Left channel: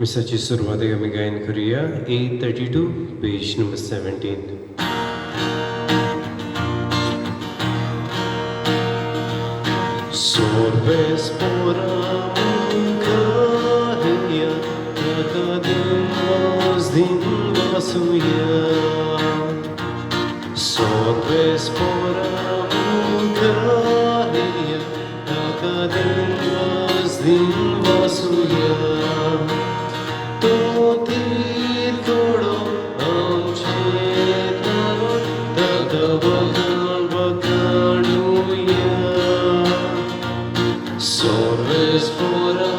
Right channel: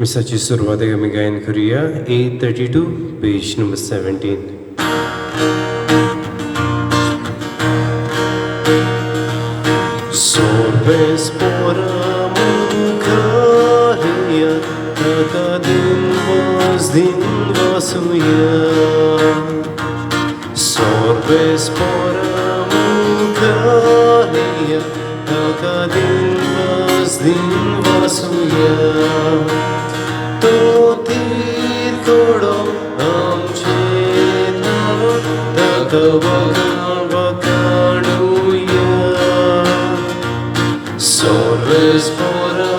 मिसाची सुरवात आमी गायन करूया. 832, page number 17. Sobre spora munkariya, takadin vasuya. Sobre spora munkariya, takadin vasuya. Totir kodo amche tavo, takavakanuya. Sorves pora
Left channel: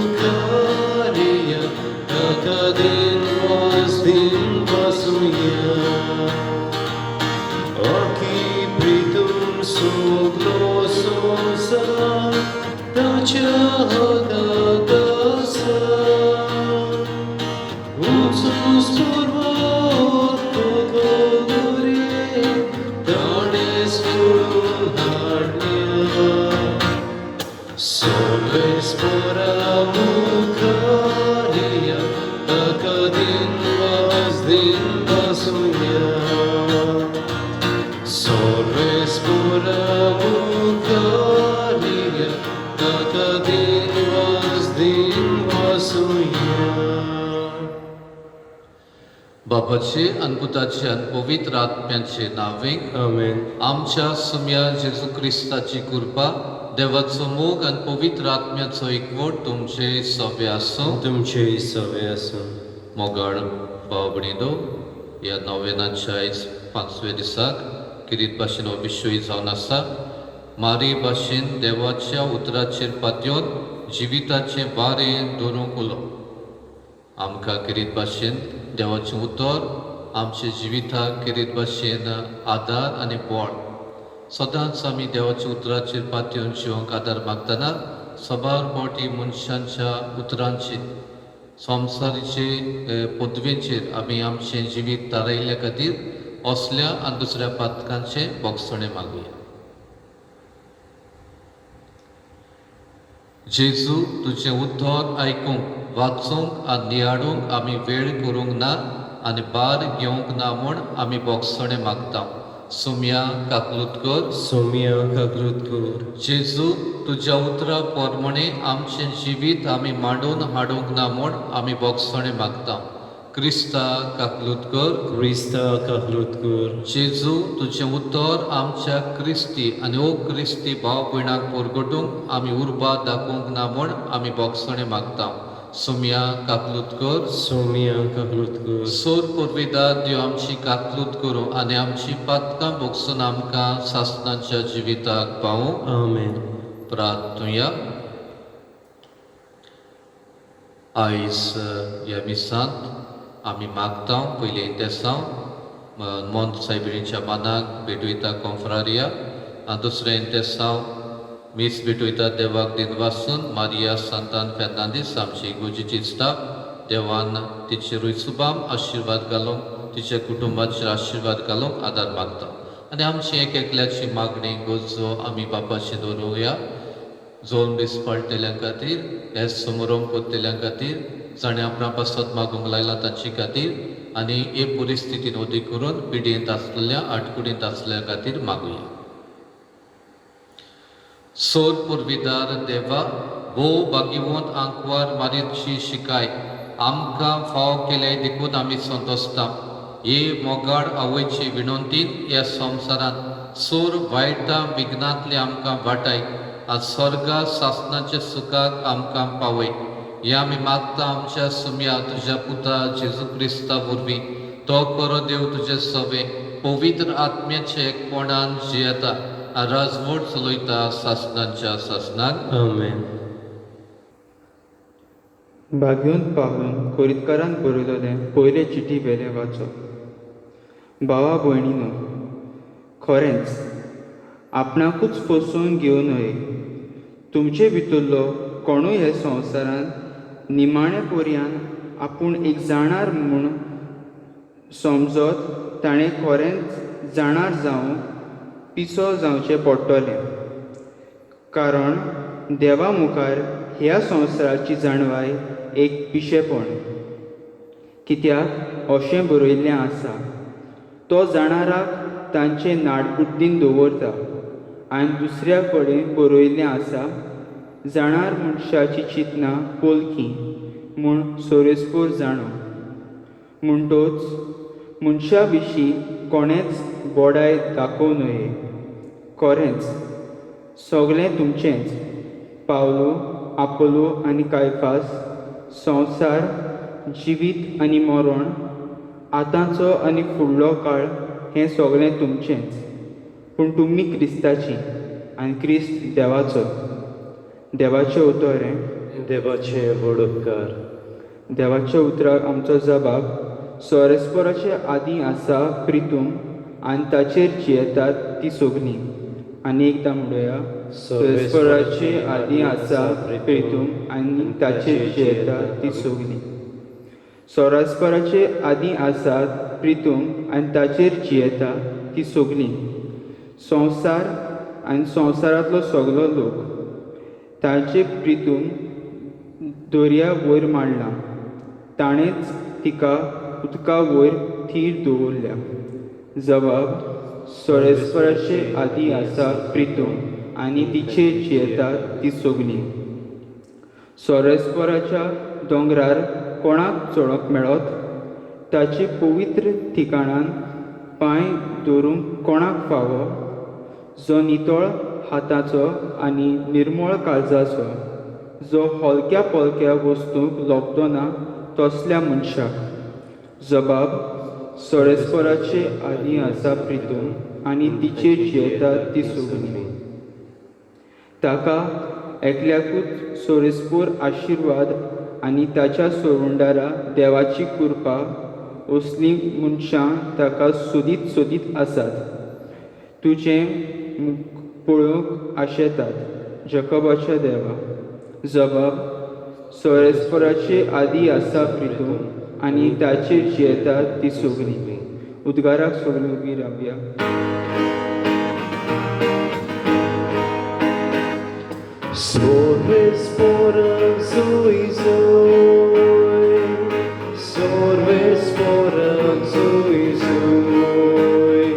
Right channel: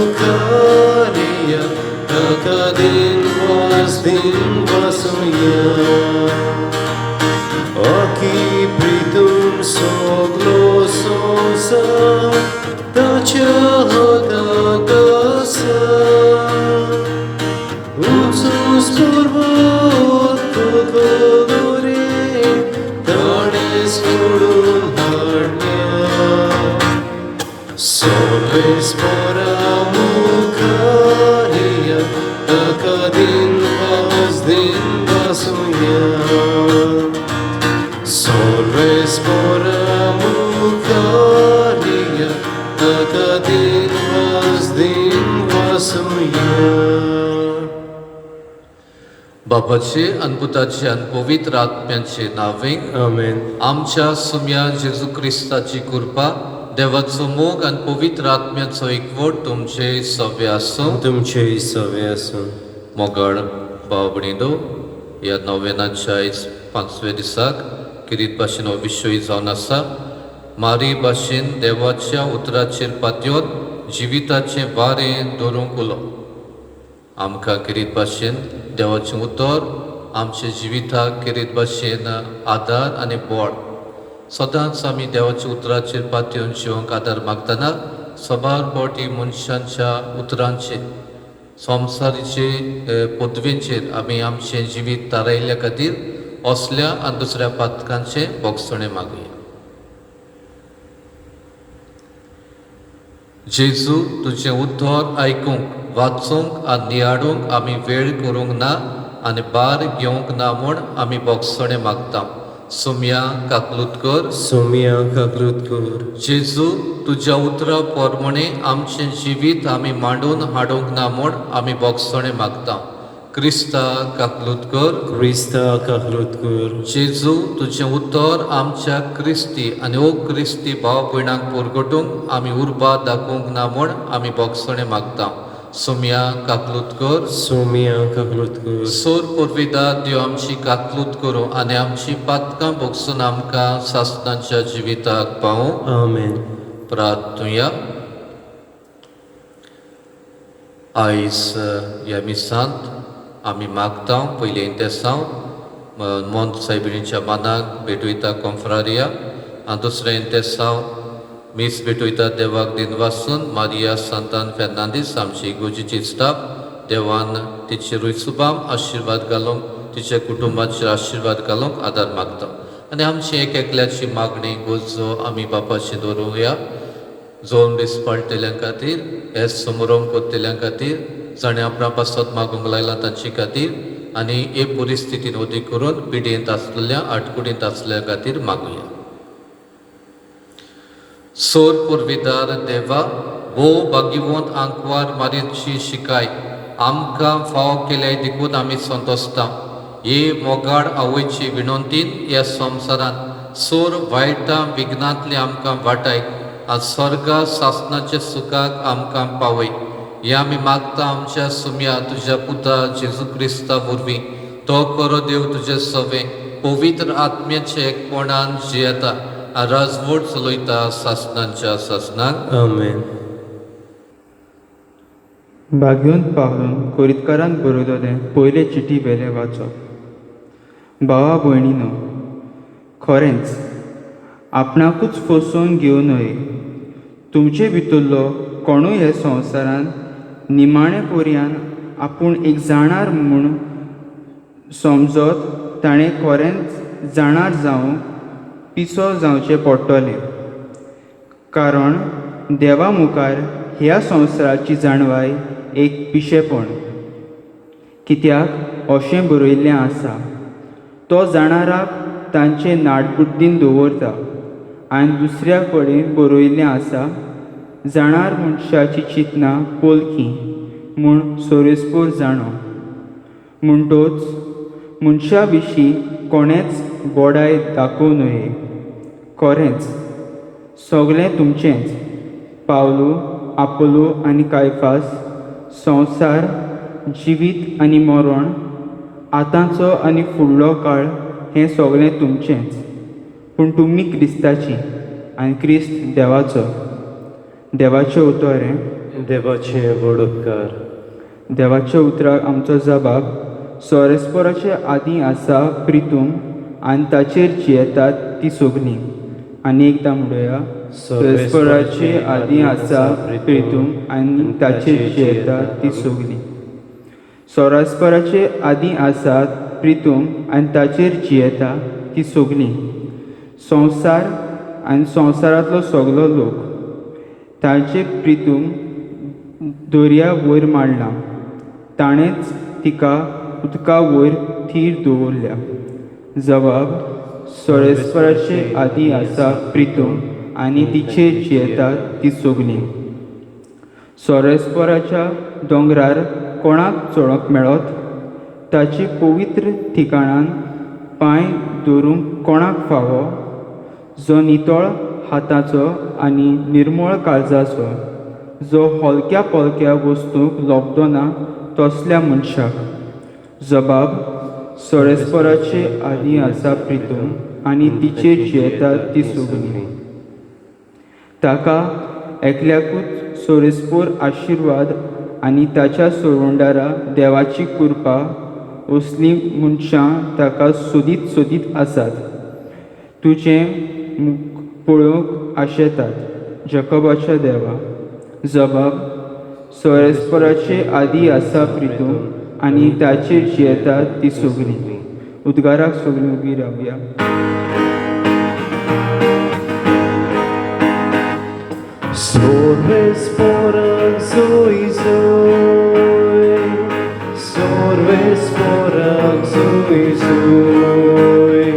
ukariya, takadin vasuya. Aki pritum soglo somsa, tachahagagasa. Usus purvot kokodore, tanes kodum harnya. Sorves pora mukariya, takadin vasuya. Sorves pora mukariya, takadin vasuya. बापाचे आणि पुताचे आणि पवित्र आत्म्याचे नावे Amen. आमच्या सुम्या जेजू क्रिस्ताची कृपा देवाचो मोग आणि पवित्र आत्म्याचो एकवट तुमचे सव्य आसूं. तुमचे सवे आसूं. मोगळ भाव भयणीनो, ह्या नोवेनाच्या आयज 5व्या दिसाक किरीत भाशेन हो विशय जावन आसा. मारी भाशेन देवाच्या उतराचेर पातयेवन जिविताचें वारें धरूंक उलो. आमकां किरीत भाशेन देवाचें उतर आमच्या जिविताक किरीत भाशेन आदार आनी बोड. सदांच आमी देवाच्या उतराचेर पातयेवन जिवंक आदार मागतना सबार फावटी मनशांच्या उतरांचेर संवसारीचे पदवेंचेर आमी आमचें जिवीत तारयल्ल्या खातीर असल्या आनी दुसऱ्या पातकांचें बोगसणें मागुया. जेजू, तुजें उद्वार आयकूंक, वाचूंक आनी नियाडूंक आमी वेळ करूंक ना आनी बार घेवंक ना म्हूण आमी बोगसणें मागता. सुम्या काकलूतकर. सोमिया काकलूतकर. जेजू, तुज्या उतरा प्रमाणे आमचें जिवीत आमी मांडून हाडूंक ना म्हूण आमी बोगसणें मागता. क्रिस्ता काकलूतकर. क्रिस्ता काकलूतकर. जेजू, तुजें उतर आमच्या क्रिस्ती आनी अक्रिस्ती भाव भयणांक परगटूंक आमी उर्बा दाखोवंक ना म्हूण आमी बोगसणें मागता. सुम्या काकलूतकर. सोमिया काकलूतकर. सोर पुर्विदार देव आमची काकलूत करूं आनी आमची पातकां बोगसून आमकां सासणांच्या जिविताक पावूं. आमेन. प्रार्थुया. आयज ह्या मिसांत आमी मागता पयले इंतेसांव मोंत सायबिणीच्या मानाक भेटयता कॉन्फ्रारिया आनी दुसरें इंतेसांव मीस भेटयता देवाक दिन वासून मारिया सांतान फेर्नांदीस आमची इगोर्जेची स्टाफ देवान तिचे रुयसुबाम आशिर्वाद घालूंक तिच्या कुटुंबाचेर आशिर्वाद घालूंक आदार मागता. आनी आमची एक एकल्याची मागणी गोजो आमी बापाची दवरुया. जोन दीस पाळटल्या खातीर, हे समारंभ करतल्या खातीर, जाणें आपणा पासत मागूंक लायला तांचे खातीर आनी हे परिस्थितीन उदी करून पिडेंत आसलेल्या आडकुडींत आसलेल्या खातीर मागुया. सोर पुर्विदार देवा, भोव भाग्यवंत आंकवार मारियेची शिकाय आमकां फाव केल्या देखून आमी संतोसता. हे मोगाड आवयचे विनंतीन ह्या संवसारांत सोर वायटा विघ्नांतले आमकां वाटाय आनी स्वर्गा सासणाच्या सुखाक आमकां पावय. हे आमी मागता आमच्या सुम्या तुज्या पुता जेजू क्रिस्ता वरवीं. तो करो देव तुजे सवे पवित्र आत्म्याचे एकपणान जियेता आनी राजवट चलयता सासणांच्या सासणाक. आमेन. भाग्योंत पावून कोरीतकारान बरयलेलें पयले चिटी वेले वाचप. भावा भयणीनो, खरेंच आपणाकूच फसोवन घेवं न्हय. तुमचे भितरलो कोणूय ह्या संवसारांत निमाणे पर्यान आपूण एक जाणार म्हूण समजत ताणें खरेंच जाणार जावं पिसो जावचें पडटलें. कारण देवा मुखार ह्या संवसाराची जाणवाय एक पिशेपण. कित्याक अशें बरयल्लें आसा, तो जाणाराक तांचे नाडबुड्डीन दवरता. आनी दुसऱ्या कडेन बरयल्लें आसा, जाणार मनशाची चिंतना पोलकी म्हूण सोरेस्पोर जाणो. म्हणटोच मनशा विशीं कोणेच गोडाय दाखोव नये. खरेंच सगळें तुमचेंच. पावलो, आपोलो आनी कायफास, संवसार, जिवीत आनी मरण, आतांचो आनी फुडलो काळ हें सगळें तुमचेंच. पूण तुमी क्रिस्ताची आनी क्रिस्त देवाचो. देवाचें उतोरें. देवाचे व्हड उपकार. देवाच्या उतराक आमचो जबाब. सोरेस्पोराचे आदीं आसा प्रितूम आनी ताचेर जियेतात ती सगळीं. आनी एकदां म्हणुया, सोरेस्पोराचे आदीं आसा प्रितूम आनी ताचेर जियेतात ती सगळीं. सोरेस्पोराचे आदीं आसात प्रितूम आनी ताचेर जियेता ती सगळीं. संवसार आनी संवसारांतलो सगळो लोक. तांचे प्रितूम दर्या वयर मांडला. ताणेंच तिका उदका वयर थीर दवरल्या. जबाब. सोरेस्पोराचे आदीं आसा प्रितूम आनी तिचेर जियेतात ती सगळीं. सोरेस्पोराच्या दोंगरार कोणाक चडोवंक मेळत? ताची पवित्र ठिकाणान पांय दवरूंक कोणाक फावो? जो नितळ हाताचो आनी निर्मळ काळजाचो, जो हलक्या पलक्या वस्तूंक लोभतो ना तसल्या मनशाक. जबाब. सोरेस्पोराचे आदीं आसा प्रितूम आनी तिचेर जियेतात ती सगळीं. ताका एकल्याकूच सोरेस्पोर आशिर्वाद आनी ताच्या सोडवंडारा देवाची कृपा असलीं मनशां ताका सोदीत सोदीत आसात. तुजें मुख पळोवंक आशेतात. जकोबाच्या देवा. जबाब. सोरेस्पोराचे आदीं आसा प्रितूम आनी ताचेर जियेतात ती सगळीं. उद्गाराक सगळीं उबी रावया. Sorbespora zoi zoi, sorbespora zoi zoi,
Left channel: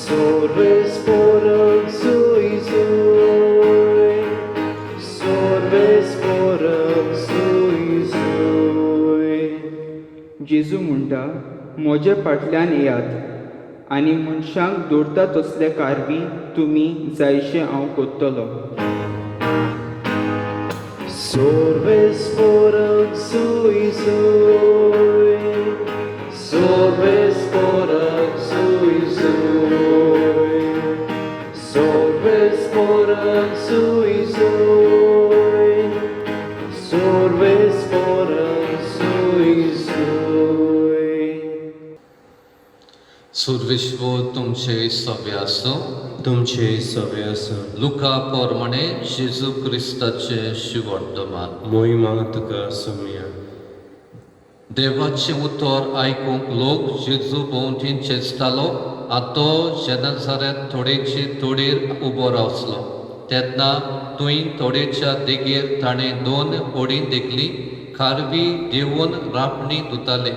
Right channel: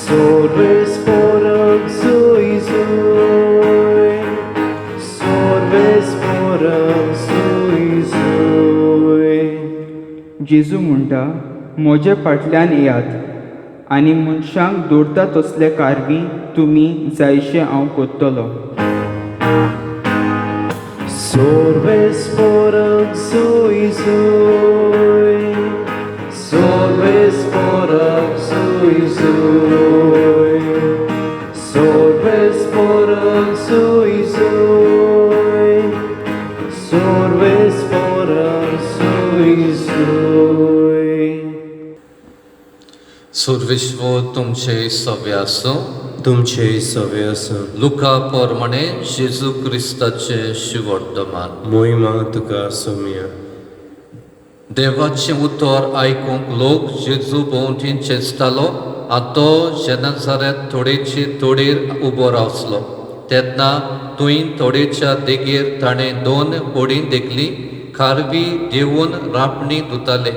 sorbespora zoi zoi, sorbespora zoi zoi. जेजू म्हणटा, म्हजे फाटल्यान येयात आनी मनशांक दवरता तसले कारवी तुमी जायशें हांव कोत्तलो. Sorbespora zoi zoi, sorbespora zoi zoi, sorbespora zoi zoi, sorbespora zoi zoi. Sarveshwar तुमचे सवे आसूं. तुमचे सवे आसूं. लुका प्रमाणे जेजू क्रिस्ताचे शिवर्तमान. मोहिमा तुका सोमिया. देवाचें उतर आयकूंक लोक जेजू भोंवतीन चेंचतालो. आनी तो जेनाझारेत थोडेचे थोडेर उबो रावसलो. तेन्ना थंय थोडेच्या देगेर ताणें 2 ओडीं देखलीं खारवी देंवून रापणी धुताले.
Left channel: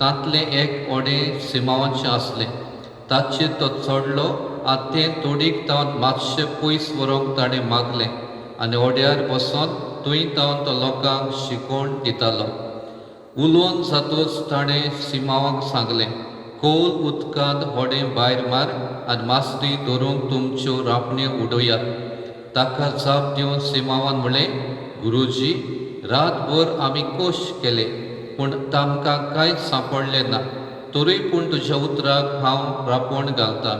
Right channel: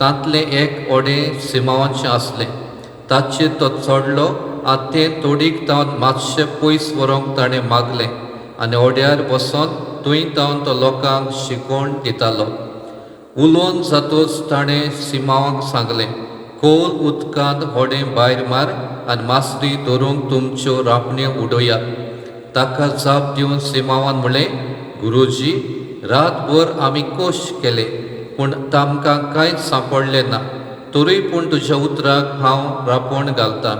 तांतलें एक ओडें सिमावाचें आसलें. ताचेर तो चडलो आनी तें तोडीक तावन मातशें पयस व्हरूंक ताणें मागलें. आनी ओड्यार बसोन थंय तावन तो लोकांक शिकोवण दितालो. उलोवन जातूच ताणें सिमावाक सांगलें, खोल उदकांत होडें भायर मार आनी मासरी धरूंक तुमच्यो रापण्यो उडोवयात. ताका जाप दिवन सिमावान म्हणलें, गुरुजी, रातभर आमी कोश केले पूण तामकां कांयच सांपडलें ना. तरी पूण तुज्या उतराक हांव रापण घालतां.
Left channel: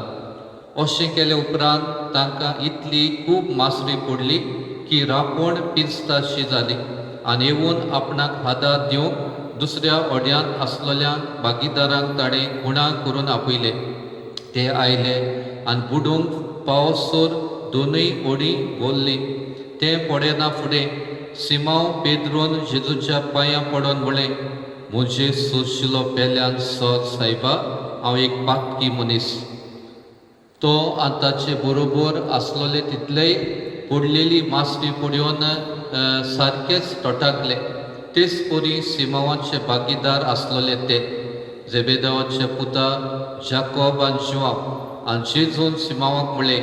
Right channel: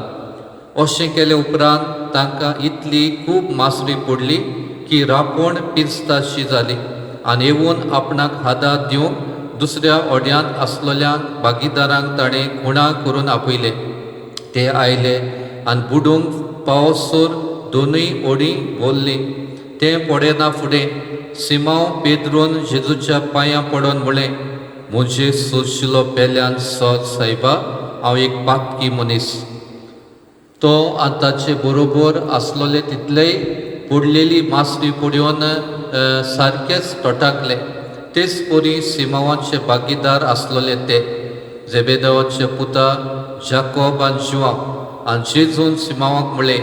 अशें केले उपरांत तांकां इतली खूब मासरी पडली की रापण पिंजताशी जाली. आनी येवन आपणाक हातांत दिवंक दुसऱ्या ओड्यांत आसलेल्या भागीदारांक ताणें खुणा करून आपयले. ते आयले आनी बुडूंक पावसोर दोनूय ओडीं भोल्लीं. तें पडेना फुडें सिमांव पेद्रोन जेजूच्या पांयां पडोन म्हळें, म्हजे सोशिलो पेल्यान सोद सायबा, हांव एक पातकी मनीस. तो आनी ताचे बरोबर आसलोले तितलेय बुडलेली मासळी पडून सारकेच तोटाकले. तेच परी सिमावांचे भागीदार आसलोले ते जेबेदावाचे पुता जाकोब आनी जुआंव आनी जेजून सिमावाक म्हळें,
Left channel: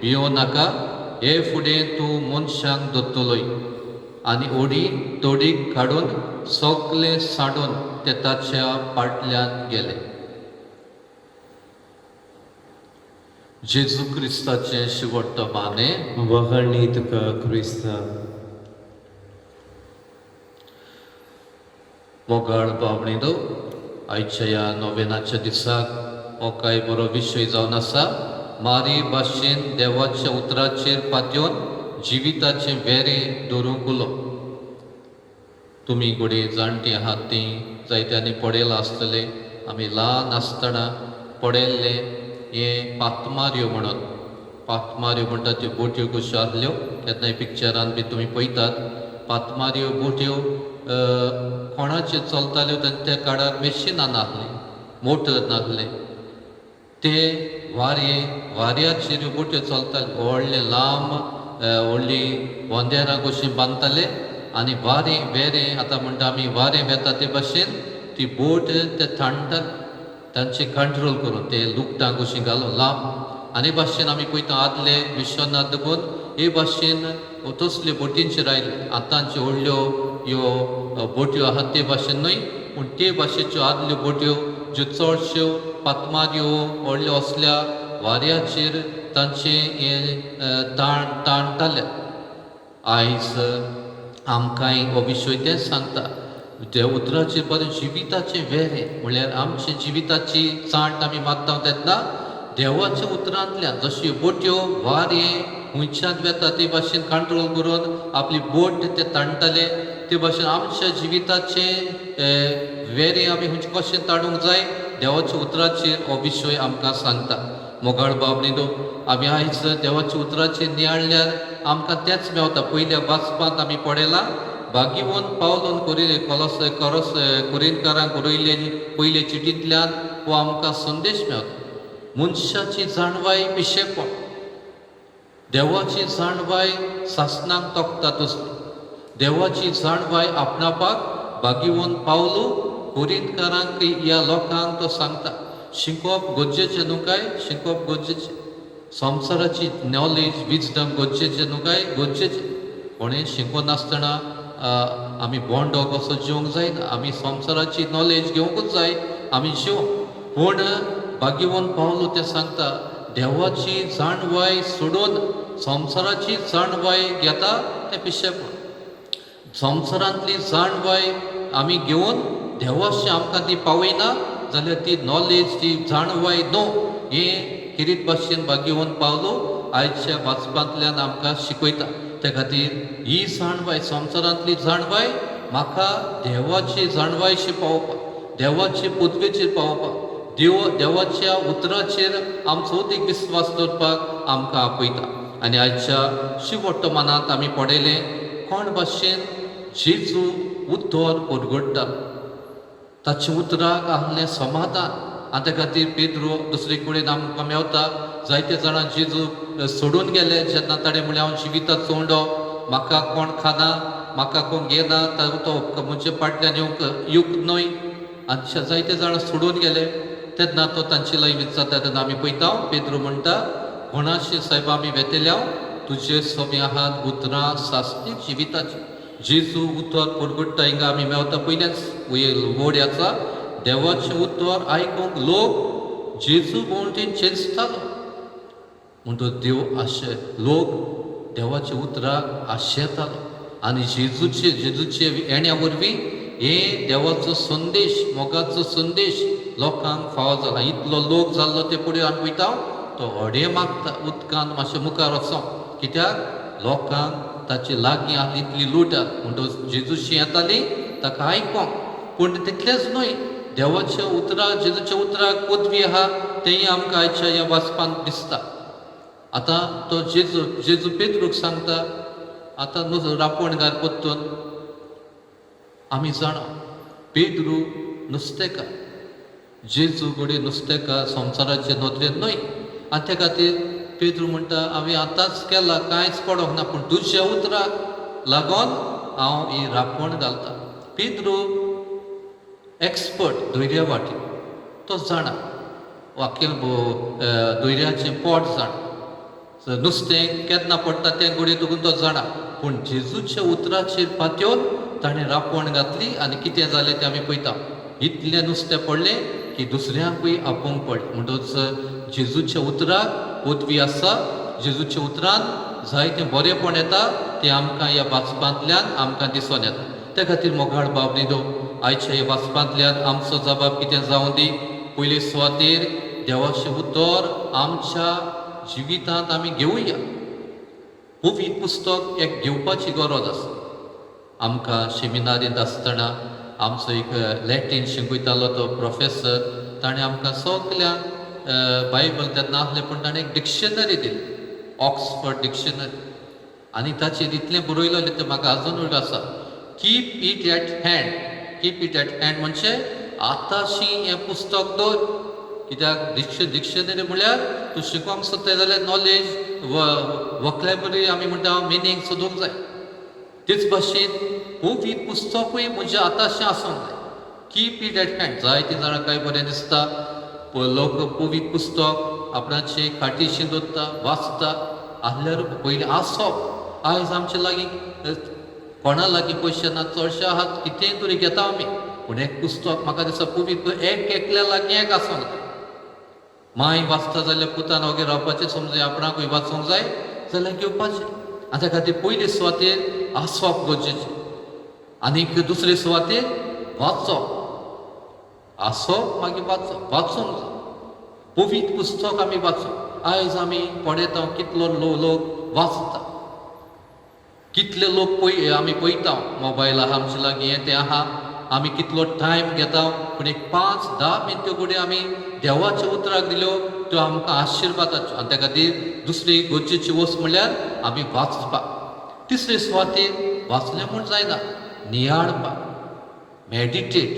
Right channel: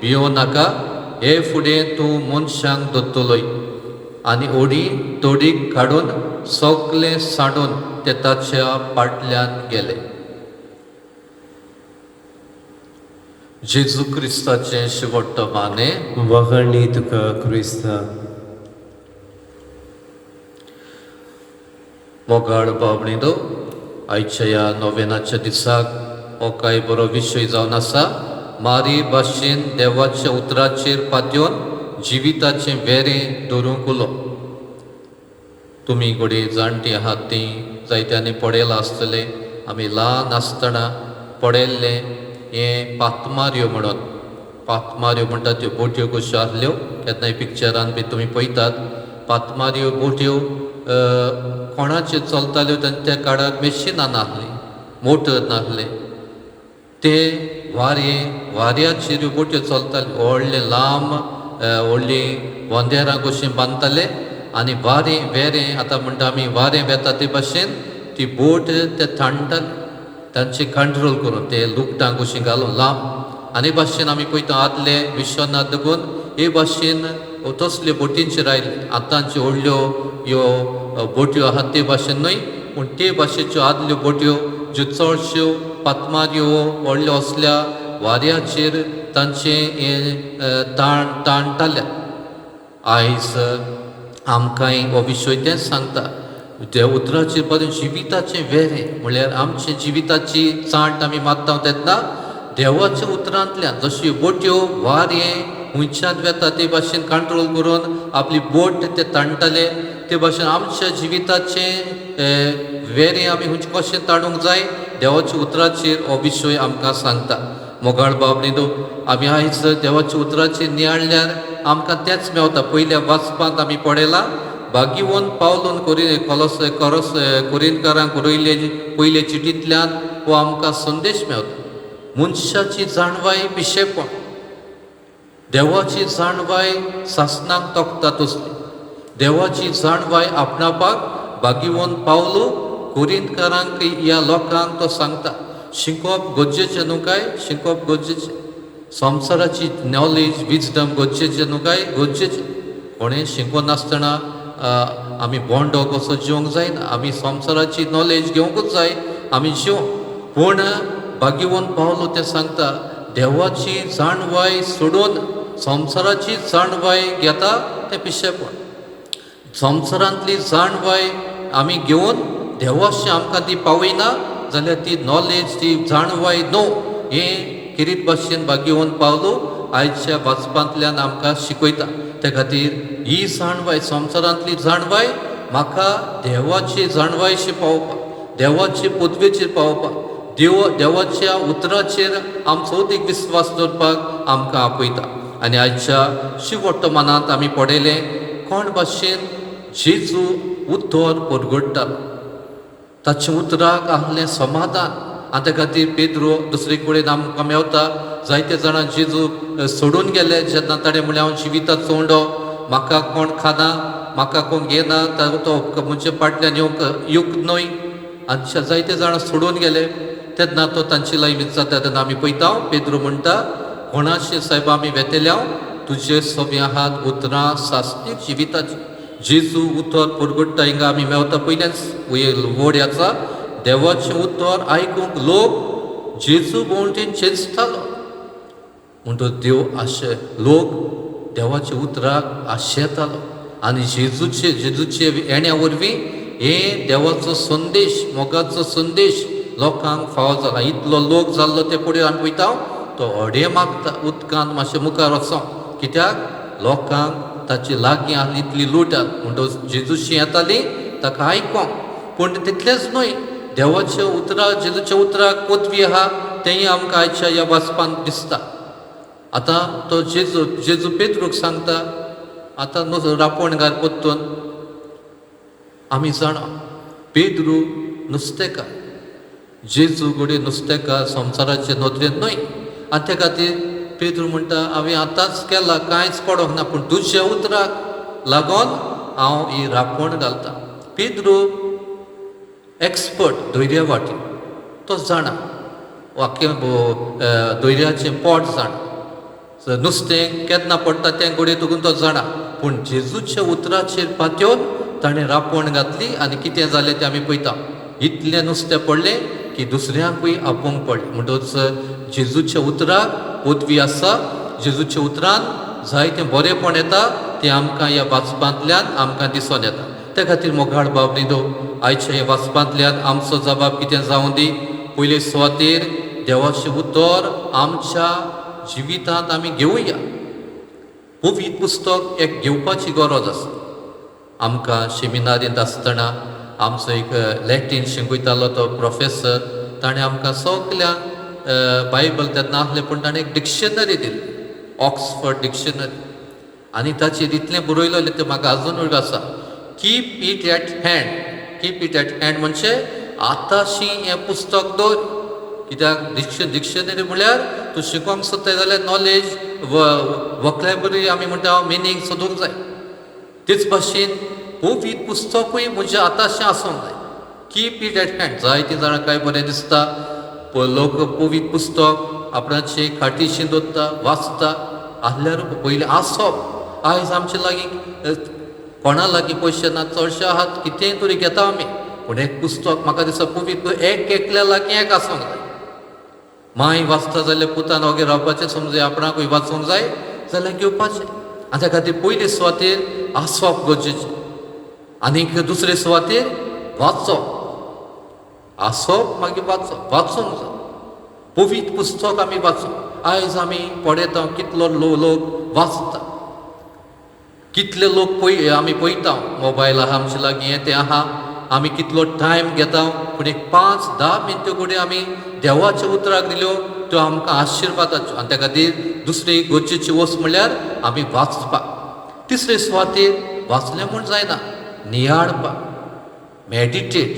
भियो नाका, हे फुडें तूं मनशांक दोत्तलोय. आनी ओडी तोडीक काडून सगळें सांडून ते ताच्या फाटल्यान गेले. जेजू क्रिस्ताचें शेवटचो मानें. वखाणी तुका क्रिस्ता. मोगाळ बाबणीनो, आयच्या ह्या नोवेनाच्या दिसाक हो कांय बरो विशय जावन आसा. मारी भाशेन देवाच्या उतराचेर पातयेवन जिविताचें वेरें दवरूंक उलो. तुमी घोडे जाणटी आहात तीं जायत्यांनी पडयलां आसतलें. आमी ल्हान आसतना पडयल्लें हें पातमाऱ्यो म्हणून. पातमाऱ्यो म्हणटा त्यो बोट्यो कश्यो आसल्यो, केन्नाय पिक्चरान बी तुमी पळयतात. पातमाऱ्यो बोट्यो कोणाच्यो चलताल्यो त्या काळार मेशिनां नासलीं, मोटर नासले. ते वाऱ्याचेर बोट्यो चलताल्यो. व्हडले लांब व्हडली वंदेरां कशीं बांदताले आनी वेरें आतां म्हणटा आमी वारें वेता ते भाशेन ती बोट ते थाणटाले तांचे कंट्रोल करून, ते लुकटां कशीं घालून लांब. आनी भाशेन आमी पळयता आदले विश्वनाथ देखून हे भाशेन तसल्यो बोटींचेर आयले. आतांच्यो व्हडल्यो ह्यो बोट्यो आहात ते भाशेन न्हय, पूण ते भाशेच्यो आदल्यो बोट्यो ज्यो चडश्यो पातमाऱ्यो व्हडल्यो असल्या वाऱ्याचेर तांचे ताणटाले. आयज आमकांय हो विशय तेंच सांगता. देव उतराचेर बरें जिविताचें वेरें म्हळ्यार आमचे जिविताची चांट आमी मारता तेन्ना देवाच्या उतरांतल्यान जश्यो बोट्यो वारें हुंयच्यान वेता ते भाशेन कंट्रोल करून आपली बोट ते ताणटाले, ते भाशेन आमच्या जिविताचें वेरें आमी हुंयचें कशें ताणूंक जाय देवाच्या उतराचेर हो विशय आमकां सांगता. मोगाळ बाबणीनो, आमी आयज देवाच्या उतराचेर नियाळल्यार आमकां तेंच मेवता. पयल्या वाचपांत आमी पळयलां, भाग्यवन पावलोन कोरिंतकारांक बरयले पयले चिटींतल्यान हो आमकां संदेश मेवता. मनशाची जाणवाय पिशेपण, देवाची जाणवाय सासणाक तोखता तसली. देवाची जाणवाय आपणावपाक भाग्यवन पावलो कोरिंतकारांक ह्या लोकांक तो सांगता. शिकोवप गरजेचें न्हू काय? शिकोवप गरजेचें. संवसाराची नॉलेज विजडम गरजेचें न्हू काय? गरजेचें. कोणें शिकोनासतना आमी बोंडो कसो जेवंक जायना. आमी संवसाराची नॉलेज घेवंकूच जाय, आमी जेव. पूण भाग्यवन पावलो तें सांगता, देवाची जाणवाय सोडून संवसाराची जाणवाय घेता तें पिशेपण. संवसारांतली जाणवाय आमी घेवन देवाशी आमकां ती पावयना जाल्यार ती नॉलेज, ती जाणवाय न्हू. हें किरीत भाशेन भाग्यवन पावलो आयच्या वाचपांतल्यान आमकां शिकयता. त्या खातीर ही जाणवाय, संवसारांतली जाणवाय म्हाका देवाची जाणवायशी पावोवपाक, देवाचे पदवेचेर पावोवपाक, देवाच्या उतराचेर आमचो अदीक विस्वास दवरपाक आमकां आपयता. आनी आयच्या शेवटच्या मानांत आमी पळयलें कोण भाशेन जेजू उतर परगडटालो. ताच्या उतराक आहलें समाधान. आनी त्या खातीर पेद्रो दुसरे कडेन आमकां मेवता. जायते जाणां जेजू सोडून गेले जेन्ना ताणें म्हळें हांव जिविताचो उंडो, म्हाका कोण खाना, म्हाका कोण घेना, तो म्हणजे फाटल्यान येवंक न्हय. आनी जायते जाणां सोडून गेले. तेन्ना तो तांची लायनीत जाता तेन्ना आमी पळयता पेद्रो म्हणटा, कोणाशी सायबा आमी वेतेल्या तुजे सोबी आहात उतरां सासणीक जिविताची. जेजू उतर परगडटा हिंगा आमी मेवता. पयल्याच वड आसा, देवाचें उतर आयकूंक लोक जेजू भोंवटेन चेंचतालो. म्हणटच देव लोक देवाच्या उतराक आशेतालो. आनी जेजूचे येण्या वरवीं हे देवाचो संदेश, मोगाचो संदेश लोकांक फावो जाला. इतलो लोक जाल्लो ते फुडें आमी पळयता तो हडे मागता उदकांत मातशें मुखार वचों. कित्याक लोकांक ताचे लागीं आसली इतली लूट म्हणटच जेजूशी येताली ताका आयकोंक. पूण तितलेंच न्हय, देवाच्या उतराक, जेजूच्या उतराक पदवी आहा तेंय आमकां आयच्या ह्या वाचपांत दिसता. आतां तो जेजू पेद्रूक सांगता, आतां रापणकार परतून आमी जाणा पेद्रू नुस्तेकार, जेजू घोडी नुस्तेकार संवसाराचे नदरेन न्हय. आनी त्या खातीर पेद्रू म्हणटा हांवें आतांच केला कांयच पडोंक ना पूण तुज्या उतराक लागोन हांव ही रापण घालता. पेद्रू एक्सपर्ट धैर्यवाटी, तो जाणा वाक्य धैर्याचें पोट जाणा. नुस्तें केन्ना पडटा तें घडये तुकून तो जाणा. पूण जेजूच्या उतराचेर पातयेवन ताणें रापण घातली आनी कितें जालें तें आमी पळयता. इतलें नुस्तें पडलें की दुसऱ्यांकूय आपोवंक पडलें. म्हणटच जेजूच्या उतराक पदवी आसा. जेजूच्या उतरान जायतें बरेंपण येता तें आमकां ह्या वाचपांतल्यान आमकां दिसून येता. त्या खातीर मोगाळ बाबडीनो आयच्या ह्या वाचपांतल्यान आमचो जबाब कितें जावं दी. पयले सुवातेर देवाचें उतर आमच्या जिवितांत आमी घेवया. पवित्र पुस्तक एक घेवपाची गरज आसा. आमकां सेमिनारींत आसतना आमचो एक लॅटीन शिकयतालो तो प्रोफेसर, ताणें आमकां सगल्यांक बायबल तेन्ना आसलें पूण ताणें एक डिक्शनरी दिली, ऑक्सफर्ड डिक्शनरी. आनी ताचेर इतलें बरयलेलें तें म्हाका आजून वयर आसा. Keep it at hand. Keep it at hand म्हणजे आतांशी हें पुस्तक दवर. कित्याक डिक्शनरी म्हळ्यार तूं शिकोवंक सोदता जाल्यार नॉलेज वॉकॅब्युलरी आमी म्हणटा मिनींग सोदूंक जाय. तेच भाशेन पवित्र पुस्तकूय म्हणजे आतांशें आसूंक जाय. Keep it at hand. जायतीं जाणां काय बरें दिसता लोक पवित्र पुस्तक आपणाची खाटीशी दवरता, वाचता. आसल्यार पयलीं आसप. आयज आमचे लागीं कोणा लागीं पयशे ना, चडशे आहात कितेंय तरी घेता आमी. पूण एक पुस्तक म्हाका दिसता पवित्र एकल्या लागीं एक आसूंक जाय. माय वाचता जाल्यार पुतान ओगे रावपाचें समजे आपणाकूय वाचूंक जाय जाल्यार घेवपाचें. आनी त्या खातीर पयले सुवातेर आसप गरजेचें. आनीक दुसरे सुवातेर वाचप. आसप मागीर वाचप. वाचूंक जाय. पवित्र पुस्तक आमी वाचप. आयज आमी पळयता कितलो लोक वाचता. कितले लोक आमी पळयता मोबायल आहा आमचे लागीं हें तें आहा. आमी कितलो टायम घेता पूण एक 5-10 मिनटां घडये आमी देवाच्या उतराक दिल्यो त्यो आमकां आशिर्वादाच्यो. आनी त्या खातीर दुसरी गरजेची वस्त म्हणल्यार आमी वाचपाक. तिसरे सुवातेर वाचलें म्हूण जायना, नियाळपाक. मॅडिटेट,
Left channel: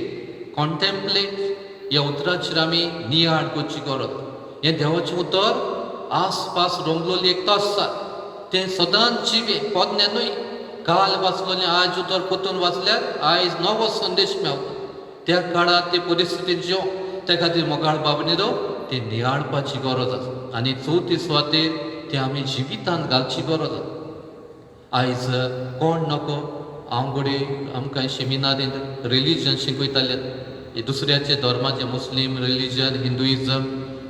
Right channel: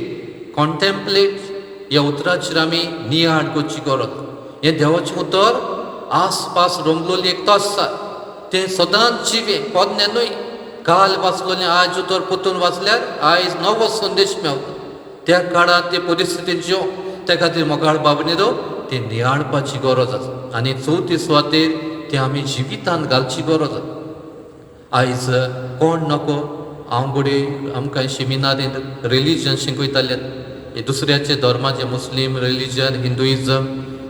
कॉन्टेम्पलेट ह्या उतराचेर आमी नियाळ करची गरज. हें देवाचें उतर आसपास रंगलोली एक तास आसा तें सदांच जिवें पोरणें न्हय. काल वाचलोलें आयज उतर परतून वाचल्यार आयज नवो संदेश मेळटा. त्या काळांत ते परिस्थितींत जियो. त्या खातीर मोगाळ बाबडीनो तें नियाळपाची गरज आसा. आनी चवथी सुवातेर तें आमी जिवितांत घालची गरज आसा. आयज कोण नको हांव घडये आमकां सेमिनारींत रिलीजन शिकयताले. हे दुसऱ्याचे धर्माचे मुस्लीम रिलीजन, हिंदुइजम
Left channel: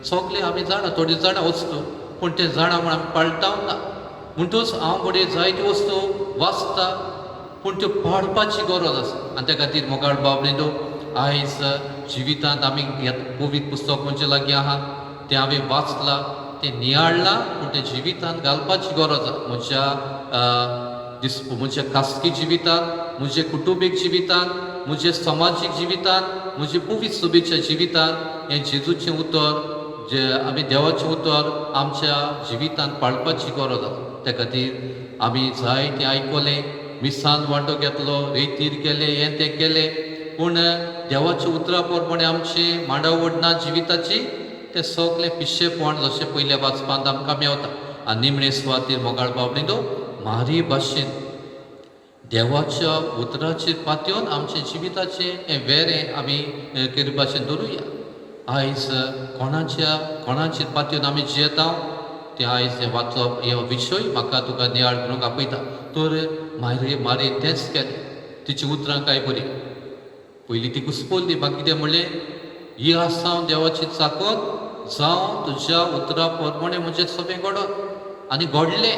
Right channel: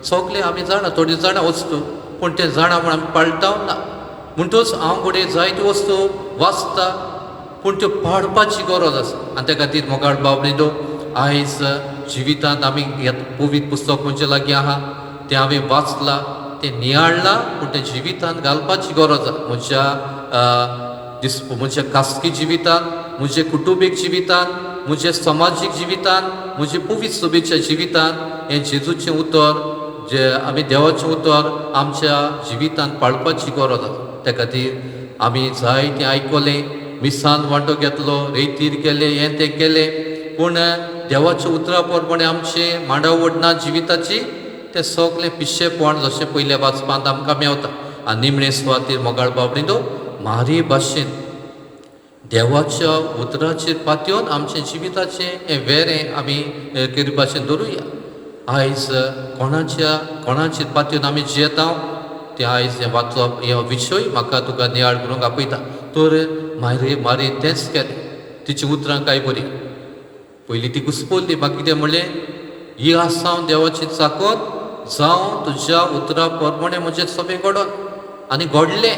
सगळे आमी जाणा. थोडी जाणा वस्तू पूण तें जाणा म्हूण आमी पाळटाव ना. म्हणटच हांव घडये जायत्यो वस्तू वाचता पूण त्यो पाळपाची गरज आसा. आनी त्या खातीर मोगाळ बाबडीनो आयज जिवितांत आमी पवित्र पुस्तक म्हणजे लागीं आहा तें हांवें वाचलां, तें नियाळलां पूण तें जिवितांत घालपाची गरज आसा. म्हज्या खासगी जिवितांत, म्हज्या कुटुंबीक जिवितांत, म्हज्या समाजीक जिवितांत, म्हज्या पवित्र सभेच्या जिवितांत हें जेजूचें उतर जे आमी देवाचें उतर आमच्या जिवितांत पाळपाची गरज आसा. त्या खातीर आमी जायतें आयकलें, मिसान वांटो घेतलो, रेतीर केलें, हें तें केलें पूण देवाच्या उतरा प्रमाणें आमचें मांडाव ओडना जिविताची तें सगलें पिशेपण जशें पयल्या वाचपांत आमकां मेवता. आनी निमणे सुवातेर मोगाळ बाबडीनो म्हारी भाशेन देवाच्या उतराचेर पातयेवन आमच्या जिविताचें हें वेरें आमी करपाचें दवरुया. आयज कोणाचेर पातयेवन आमी जियेता तें आयज हें वाचप हे विशय म्हाका तुका नियाळ करूंक आपयता. तर मारी तेंच केलें. तिची उतरां काय बरी. पयलीं ती घुसपल्ली. म्हाका कितें म्हणलें, ही आसां देवाची चाकत जावं तुज्या उतरा प्रमाणें म्हजें सोबें घडोन. आनी घडलें.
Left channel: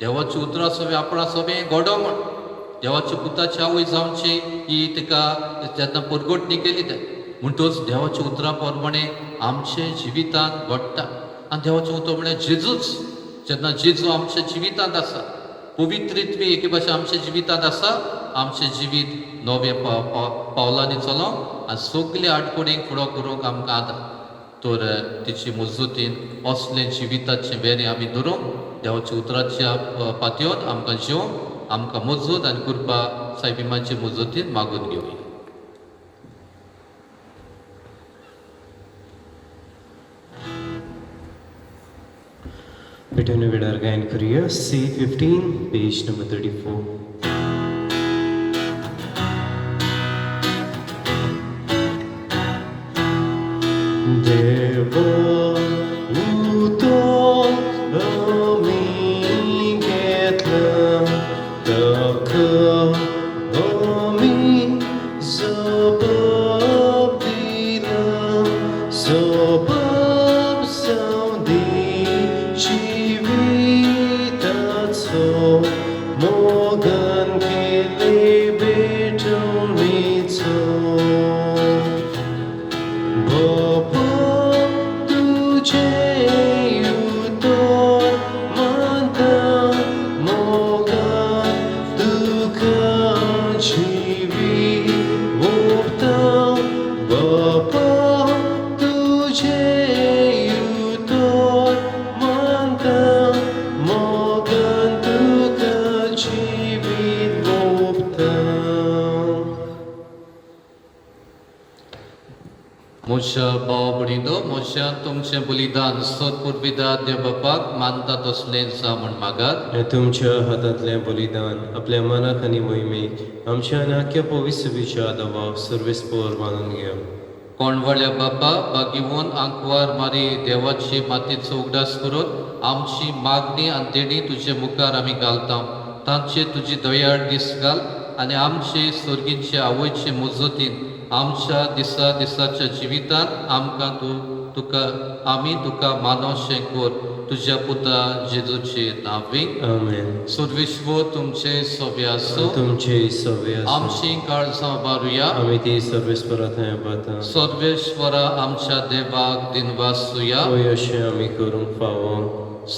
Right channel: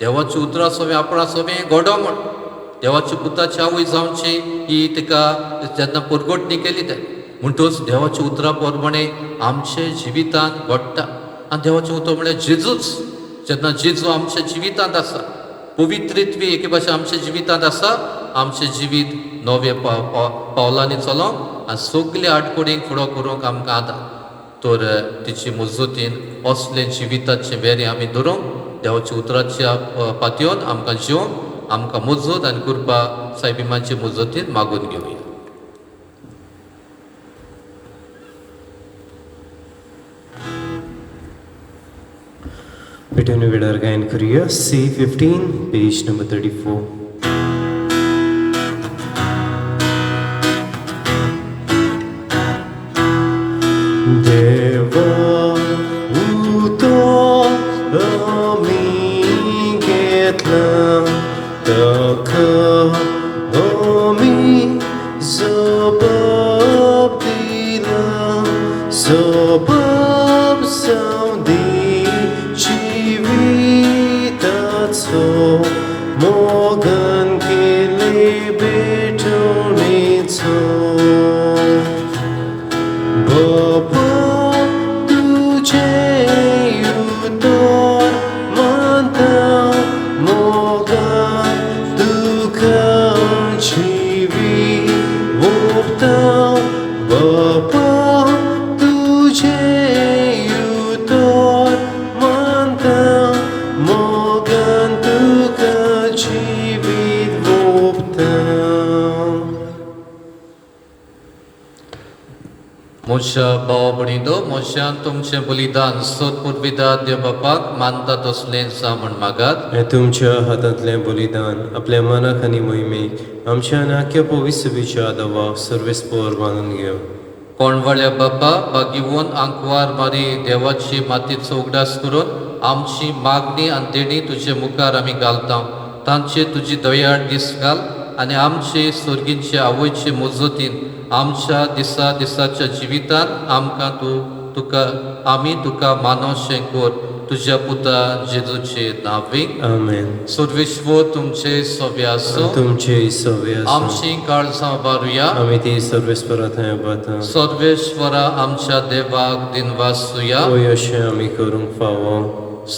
देवाची उतरां सोबें आपणा सोबें घडो म्हण. देवाची पुताची आवय जावची ही तिका जेन्ना परगटणी केली तें म्हणटच देवाच्या उतरा प्रमाणें आमचे जिवितांत घडटा. आनी देवाचें उतर म्हळ्यार जेजूच. जेन्ना जेजू आमच्या जिवितांत आसा, पवित्रित्व एके भाशेन आमच्या जिवितांत आसा, आमचें जिवीत नवे पावलांनी चलोवंक आनी सगल्या आडकोडींक फुडो करूंक आमकां आदार. तर तिची मजतीन असलें जिविताचें वेरें आमी धरूंक देवाच्या उतराच्या पातयेवन आमकां जिवंक आमकां मजत आनी कृपा सायबिमाचे मजतीन मागून घेवया. तुम्ही वेळार गायन करूया C15 पेज नंबर 34. देवा उतो आमी घेतला ताका आमी जबाब दिला जबाब जावदी जिविताचो मोगान केले बेटवणेचो Baba, tujhe utor manta moga dukha jivi mukta. Baba, tujhe utor manta moga dukha jivi mukta. मोशा बावबडीदो मोशान तुमचे बलिदान सोदपूर्विदा देव बापाक मानतात असलें म्हण मागात. हे तुमच्या हातांतलें बलिदान आपल्या मनाक आनी मोहिमेक आमच्या नाक्या पवित्र विचारवा सर्वेस्पर मानून घेव. कोणवळ्या बापा बागिवून आंकवार मारी देवाची मातीचो उगडास करून आमची मागणी आनी देणी तुजे मुखार आमी घालता. तांचे तुजी दयाळ दीस घाल आनी आमचे स्वर्गींचे आवयचे मुजतीन आमच्या दिसाच्या जिवितान आमकां आमी तुका मानोशें कोर तुज्या पुता जेजूचे नांवे. आमेन. सर्वेश्वर तुमचे सव्या आसूं. तुमचे सव्य आमची काळजां बारुया. आमी ती सर्वेस्परात बाता सर्वेश्वरा आमच्या देवाक दिनवासुया. होय अशें आमी करूंक फावो.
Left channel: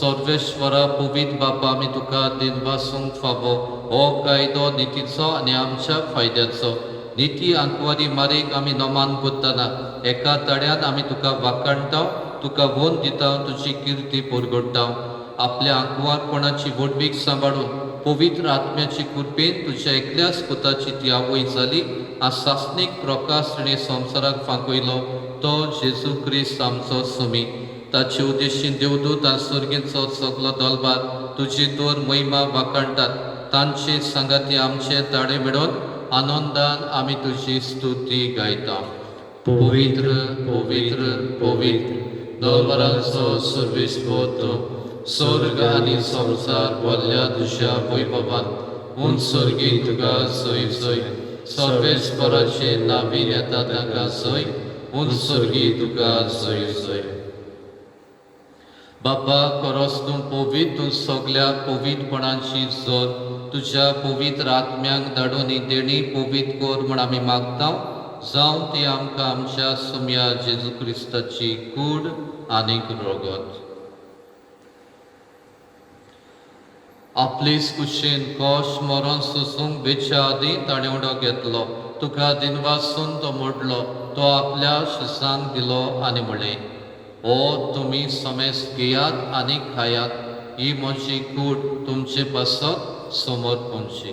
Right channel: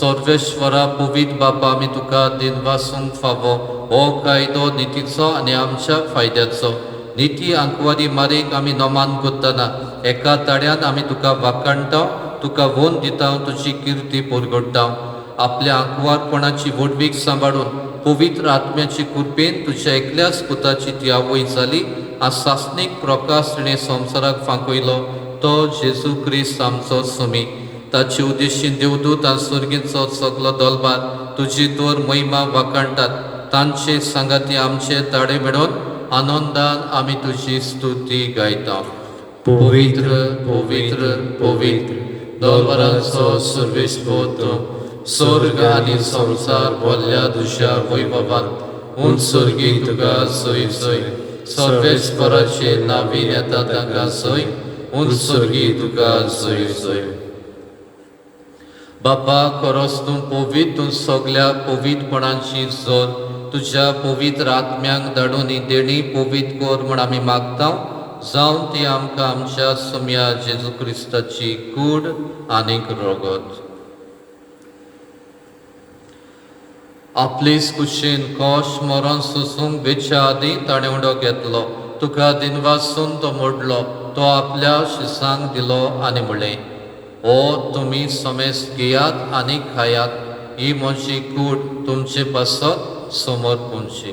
सर्वेश्वरा पवित्र बापा आमी तुका दिनवासूंक फावो. हो कायदो नितीचो आनी आमच्या फायद्याचो. निती आंकवारी मारीक आमी नोमान कोत्तना एका तड्यान आमी तुका वाखाणटा, तुका वोन दिता, तुजी किर्ती परगडटा. आपल्या आंकवारपणाची वडवीक सांबाळून पवित्र आत्म्याची कृपेन तुज्या एकल्याच पुताची ती आवय जाली. आ सासणीक प्रकाश तिणें संवसाराक फांकयलो तो जेजू क्रिस्त आमचो सुमी. ताचे उद्देशीन देवदूत आनी सर्गींचो सगलो दलबार तुजी दोर महिमा वाखाणटात. तांचे सांगाती आमचे ताडे मेळोन आनंदान आमी तुजी स्तुती गायता. पवित्र पवित्र पवित्र दलबारांचो सर्वेस्पर तूं. स्वर्ग आनी संवसार भरल्या तुज्या वैभवान उंच सर्गी तुका सय सय. सर्वेस्पराचे नांवीन येता तांकां सय. उंच सर्गी तुका सय सय. बापा खरोच तूं पवित्र. तूं सगल्या पवित्रपणाची जोर तुज्या पवित्र आत्म्याक धाडून ही देणी पवित्र कोर म्हण आमी मागता. जावं ती आमकां आमच्या सुम्या जेजू क्रिस्ताची कूड आनीक रगत. आपलीच कुशीन कोश मरण सोसूंक बेच्या आदीं ताणें उडो घेतलो. तुका दिनवासून तो मोडलो. तो आपल्या शिसांक दिलो आनी म्हळें, ओ तुमी समेस घेयात आनी खायात. ही म्हजी कूड तुमचे पासत समोर पुंची.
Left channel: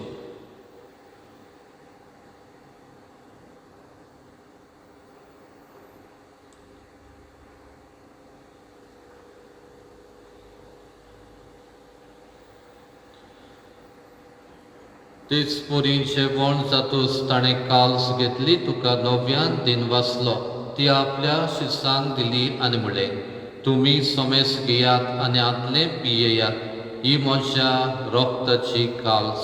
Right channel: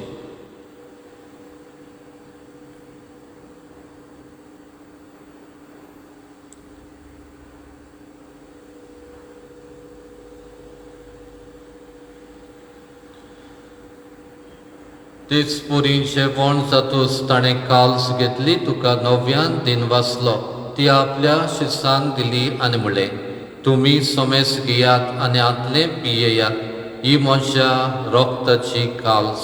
तेच पुरी जेवण जातूच ताणें काल्स घेतली. तुका नव्यान दिनवासलो. ती आपल्या शिसांक दिली आनी म्हळें, तुमी समेस घेयात आनी आदलें पियेयात. ही म्हज्या रोगताची काल्स.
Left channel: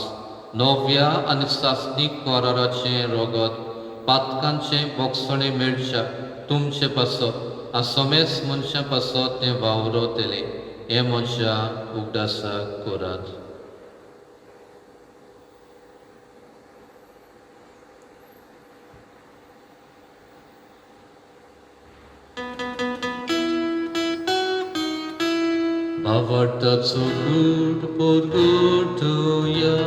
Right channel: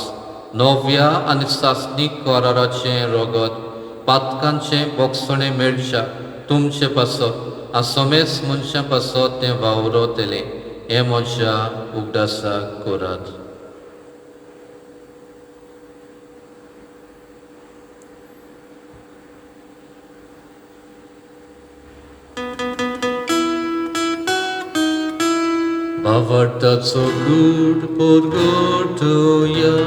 नव्या आनी सासणीक कराराचें रगत. पातकांचें बोगसणें मेळच्या तुमचे पासत. आ समेस मनशां पासत तें वावरतलें. हें म्हज्या उगडासाक करात. Avartaco good porgotoja.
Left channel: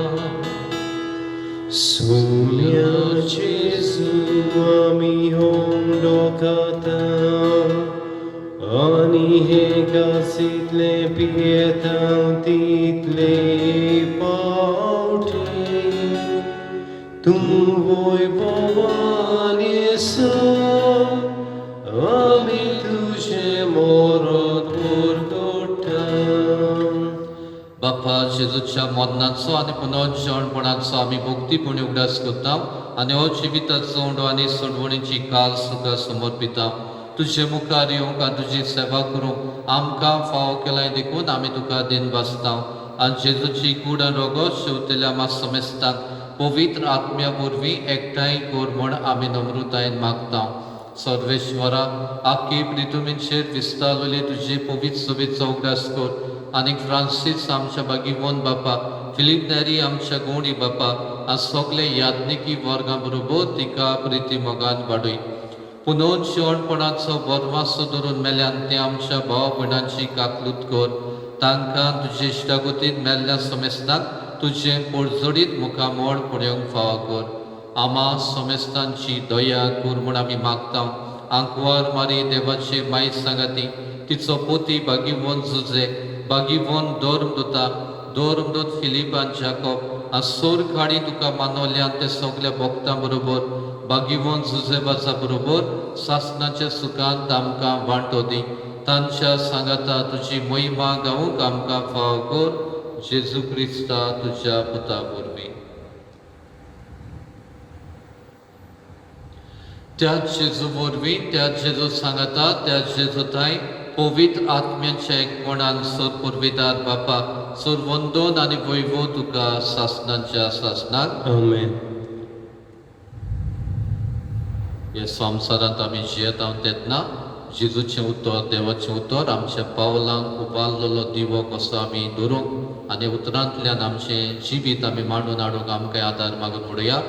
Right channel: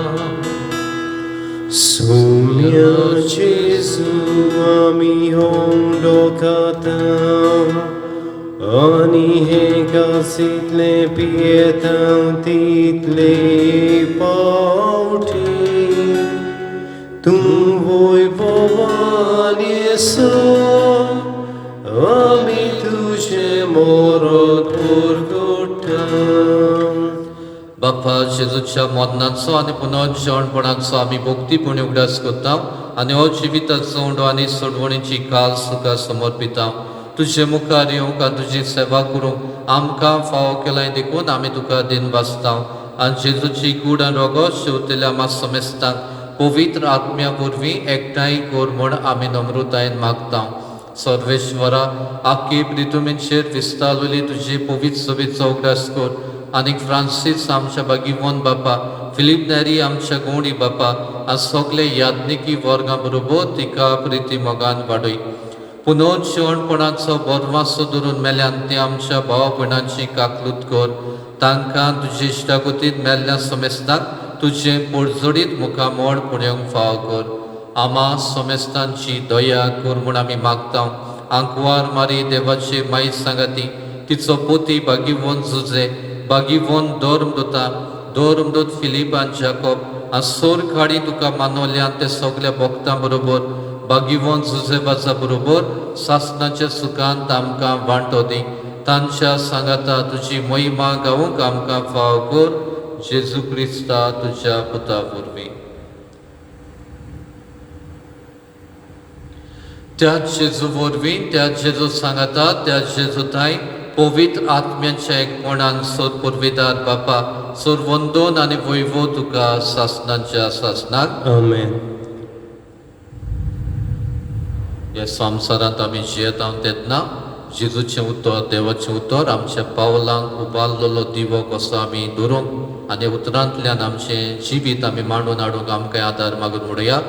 Sumia Jesu ami hondokata. Ani hega sitle pietan title pauti. Tum voi povanie so. Ami tuže morot porgotam. जेजूच्या मरणाचो आनी पुनर्जीवणपणाचो आमी भक्तीपणी उगडास करता आनी हो जिविताचो उंडो आनी सोडवणीची काल सुका समर्पिता. तुजे मुखार येवंक आनी तुजी सेवा करूंक आमकां फावो केलाय देखून आमी तुका दिन वाचता आनी जेजूची कूड आनी रोगो शेवतेल्या आमा समेस्तांक पवित्र आत्म्या वरवीं एकठांय कर म्हूण आमी नम्रतायेन मागता. सर्वेश्वरा आख्खी प्रितुमेचेर विस्तारलेली तुजी पवित्र सभेचो उगडास कर आनी फ्रांसीस आमच्या बागीवन बापा, फिलीप नॅरी आमच्या गवंडी बापा आनी सगळे याज्ञिकी वर्गां बरोबर तिका प्रिती मोगान वाडय. पुनर्जीवणपणाचो बोरवासो धरून मेल्यान ते आमच्या भाव भयणांची काकलूत कर. तांकां तुजे इश्टागतींत मेल्ल्या समेस्तांक तुजे पडजडीत मुखामोड पुण्यांक फाव कर. आमा समेस्तांची दया कर म्हूण आमी मागता. आंकवार मारी देवाची माई सांगाती, तिचो पोती बागीवन जुजे, बागीवन दोरमदोत फिलीप आनी जाकोब आनी सोर काडी तुका मानवल्यान ते सगल्या भक्तां बरोबर बागीवन जुजेबाचा बरोबर सासनाच्या सुखांत आमकां वांटो दी. तांच्या सांगाता तुजी महिमा गावूंक आमकां फाव कर. जेजू क्रिस्ता तुज्या पुता वरवीं. त्याच जेजू वरवीं, त्याच जेजू सांगाता, त्याच जेजू थंय पवित्र आत्म्याच्या एकपणान सोद पुरविदार बापा, सोर वंदन आनी वैभव तुका सासनाच्या सासनाक. आमेन. ह्या संवसारांत आमी जियेता तेन्ना जेजूचें उतर, देवाचें उतर आमच्या पावलांक उबारलेलो दिवो कसो आमी धरून आनी उतरांतल्यान आमचें जिवीत आमी मांडून हाडूंक आमकां आदार मागून म्हणुया.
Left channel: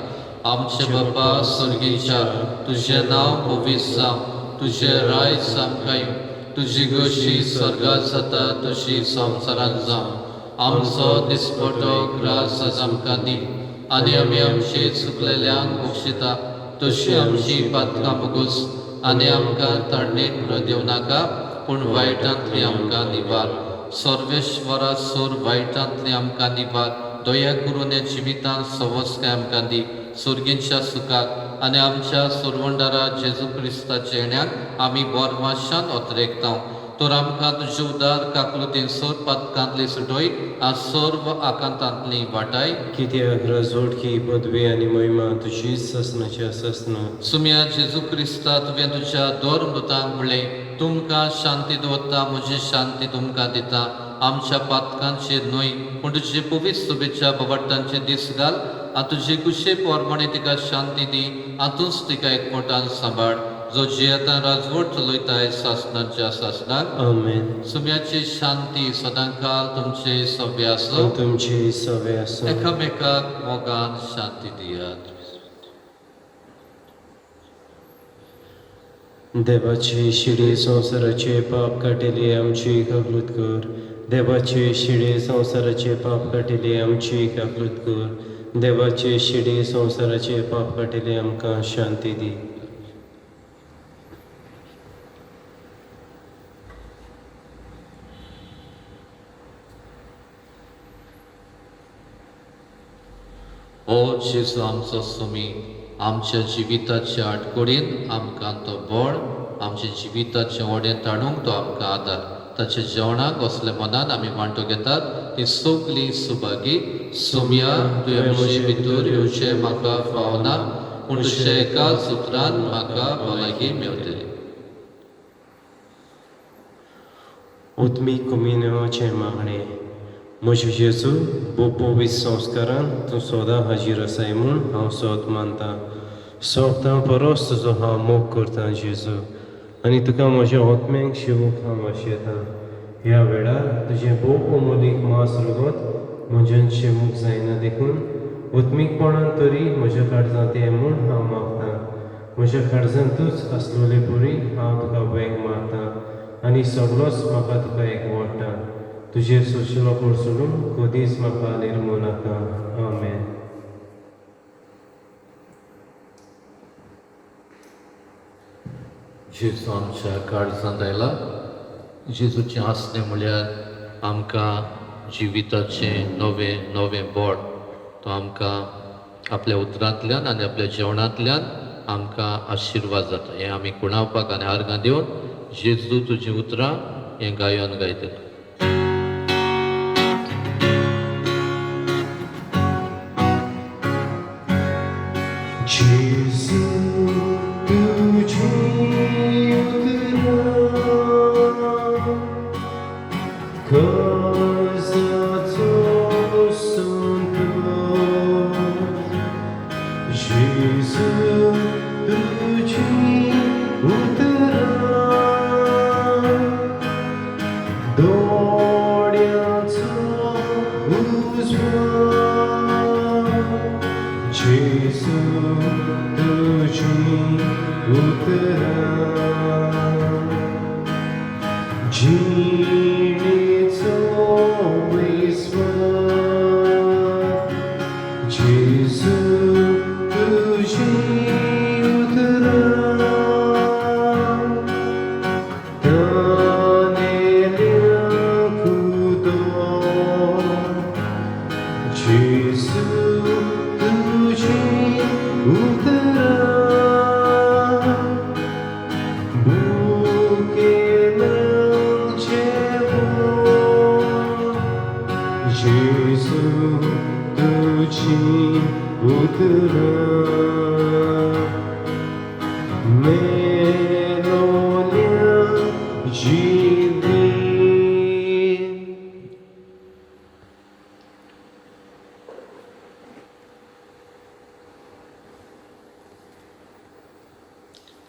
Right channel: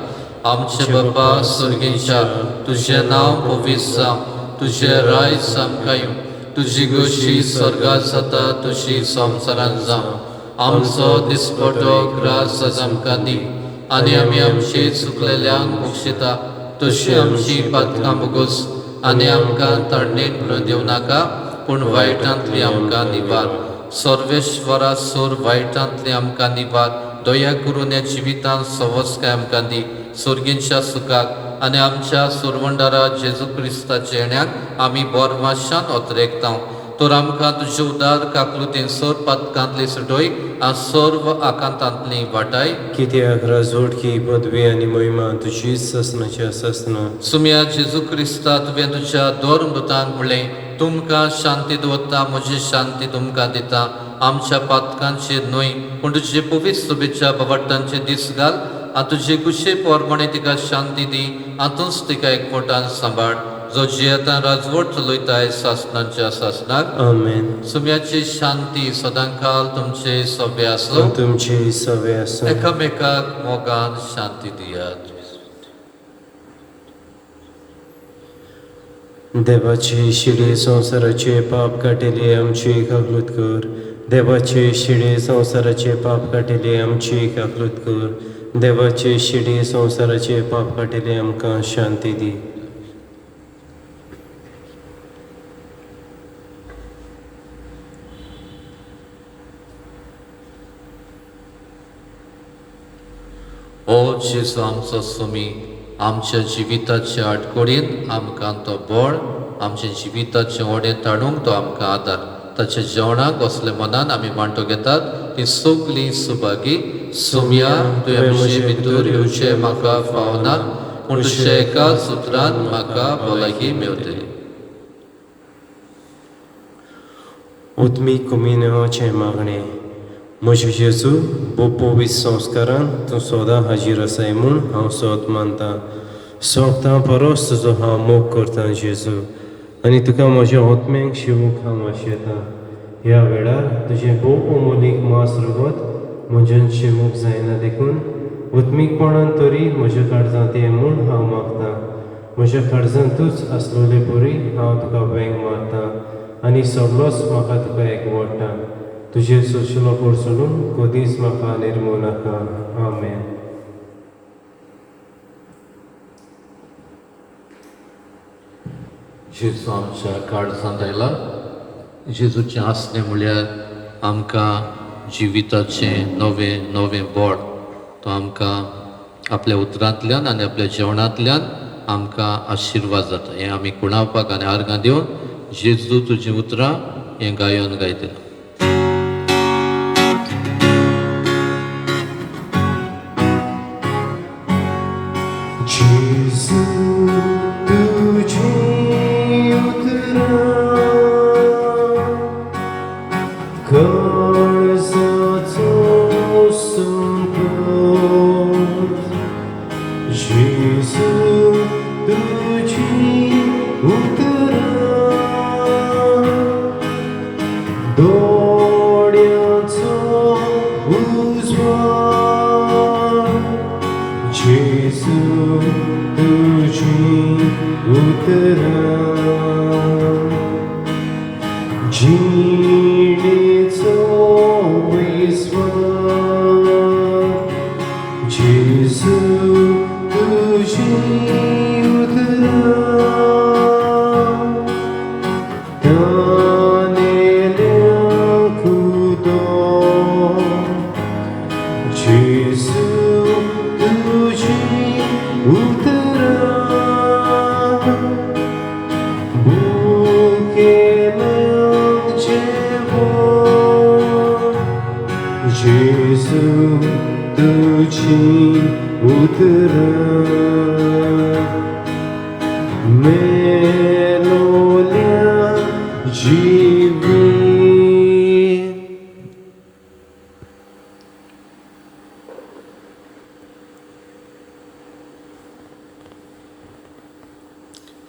आमचे बापा स्वर्गीच्या, तुजें नांव पवित्र जावं, तुजें रायज आमकां येवं, तुजी गोशी स्वर्गांत जाता तशी संवसारांत जावं. आमचो दिसपटो ग्रास आज आमकां दी आनी आमी आमचे चुकलेल्यांक बक्षिता तशी आमची पातकां बगोस आनी आमकां तडणीत देव नाका पूण वायटांतली आमकां निवार. सर्वेश्वरा सोर वायटांतली आमकां निवार. दया करून ह्या जिवितांत सवस्काय आमकां दी सर्गींच्या सुखाक आनी आमच्या सुरवंडारा जेजू क्रिस्ताच्या येण्याक आमी बोरमाशान ओतरेकता. तर आमकां तुजे उदार काकलुतीन सोर पातकांतली सुटोय आनी सर्व आकांतांतली वाटाय. कित्याक राजवडकी पदवी आनी महिमा तुजीच ससनाच्या ससना. सुम्या जेजू क्रिस्ता तुवें तुज्या दोर मृतांक म्हणलें, तुमकां शांती दवरता, म्हजी शांती तुमकां दिता. आमच्या पातकांचेर न्हय पूण तुजे पवित्र सुबेच्या बावटांचे दीस घाल आनी तुजे कुशे पोरमणे तिका शांती दी आनी तूंच तिका एकवटान सांबाळ. जो जियेता राजवट चलयताय सासनाच्या सासनाक. आमेन. सुम्याची शांती सदांकाल तुमचे सभे आसलो. तुमची सवे आसूं. एकामेकाक मोगान शांती दियात. देवाचे शिडे संवसाराचे पाप काटेले आमची काकलूत कर. देवाचे शिडे संवसाराचे पाप काटेले आमची काकलूत कर. देवाचे शिडे संवसाराचे पाप काटेले आमकां शांती दी. ओ जेजू आमचो सुमी, आमच्या जिविताच्या आडकोडीन आमकां तो बोड, आमच्या जिविताचे ओडें ताणूंक तो आमकां आदार. ताच्या जेवणाक असले मनान आमी वांटो घेतात ती सगळी सुभागी. सुम्या तुवें म्हजे भितर येवचें म्हाका फावना पूण तुज्या एकाच उतरान म्हाका भलायकी मेवतली. उत्मी कुमिनेवाचे मागणे. म्हजे जेजू पवित्र संस्कारान तूं सोदां हाजीर आसाय म्हूण हांव सोद मानता. सोडता परस तुजो हांव मोग करता जेजू आनी तुका म्हज्या आत्म्याक शिवूंक हांव वाशयता. ह्या वेळार तुजें भोव अमोलीक मास रगत म्हज्यान शिवूंक जायना देखून उत्मीकपणान तरी म्हज्या काळजांत ये म्हूण हांव मागता. म्हज्या काळजांतूच आसलोले परी हांव तुका वेग मारता आनी सगळोच म्हाका तुका एकवडटा. तुजेर सोशिलो सोडून कधीच म्हाका निर्मूळ नाका. आमेन. जेजू आमच्या काळजांत आयला. जेजूचें आसलें म्हळ्यार आमकां जिविताचें नवें नवें बोड. तो आमकां आपल्या उतरांतल्यान आनी आपल्या जेवणांतल्यान आमकां आशिर्वाद जाता. हें आमी कुणावपाक आनी आर्गां दिवन जेजू तुजीं उतरां हें गायन गायतले. तुझी उतरा कर्जाचो संपत जेजू तुझी उतरा दोड्याचो उजवाड जेजू तुझी उतरा जिणेचो विस्वाद जेजू तुझी उतरा तानेल्या खुदाक जेजू तुझी उतरा बुकेनाक जेवण जेजू तुझी उतरा मेलोल्या जिवीत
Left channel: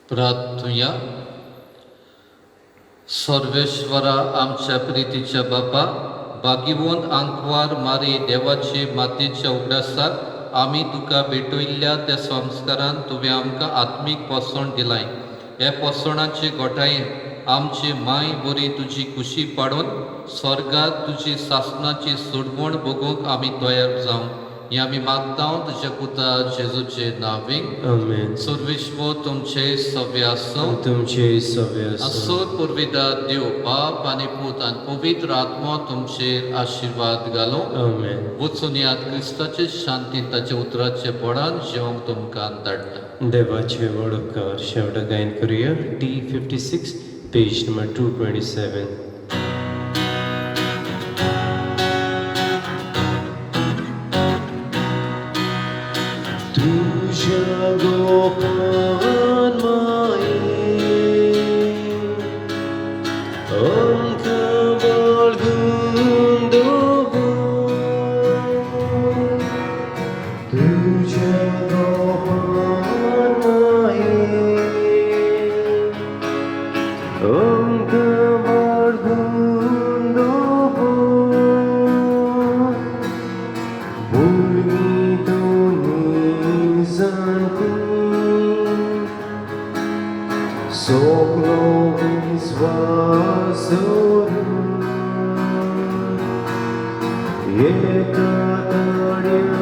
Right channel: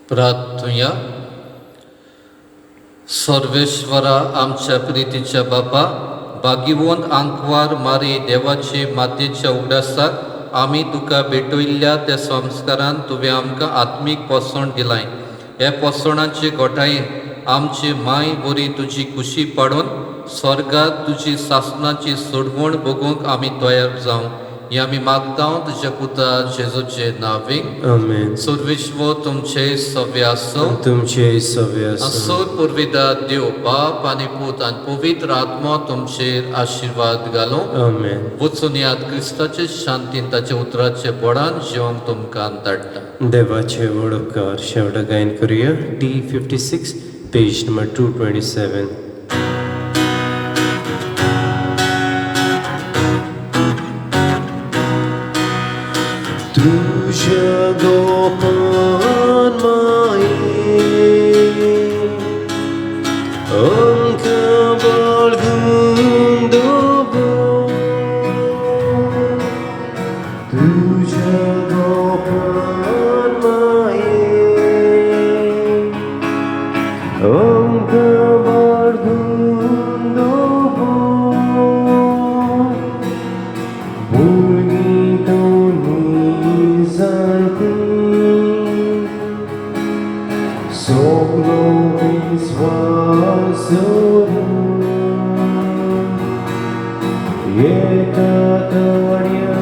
प्रार्थूया. सर्वेश्वरा आमच्या प्रितीच्या बापा, बागीवोन आंकवार मारी देवाचे मातेच्या उगडासाक आमी तुका भेटयल्ल्या त्या संस्कारान तुवें आमकां आत्मीक पोसण दिलाय. हे पोसणाचे घोटायेन आमची माय बरी तुजी खुशी पाडून स्वर्गात तुजी सासणाची सोडवण बगूंक आमी तयार जावं. हे आमी मागता तुज्या पुता जेजूचे नांवें. आमेन. सर्वेश्वर तुमचे सव्य आसूं. तुमचे सव्य असोत पुर्विदार देव बाप आनी पूत आनी पवित्र आत्मा तुमचेर आशिर्वाद घालूं. आमेन. वचून याद क्रिस्ताचे शांतीन ताच्या उतराचे बळान जेवण तुमकां धाडटा. देवाचे वडोवकार शेवटा गायन करूया. T56 page number 227. तुझ्या गोपान मायेन आमकां बाळगून दवर. तुझ्या गोपान मायेन आमकां बाळगून दवर. भुरगीं तुमी जाती सगलो विस्वास दवरून एका ताळया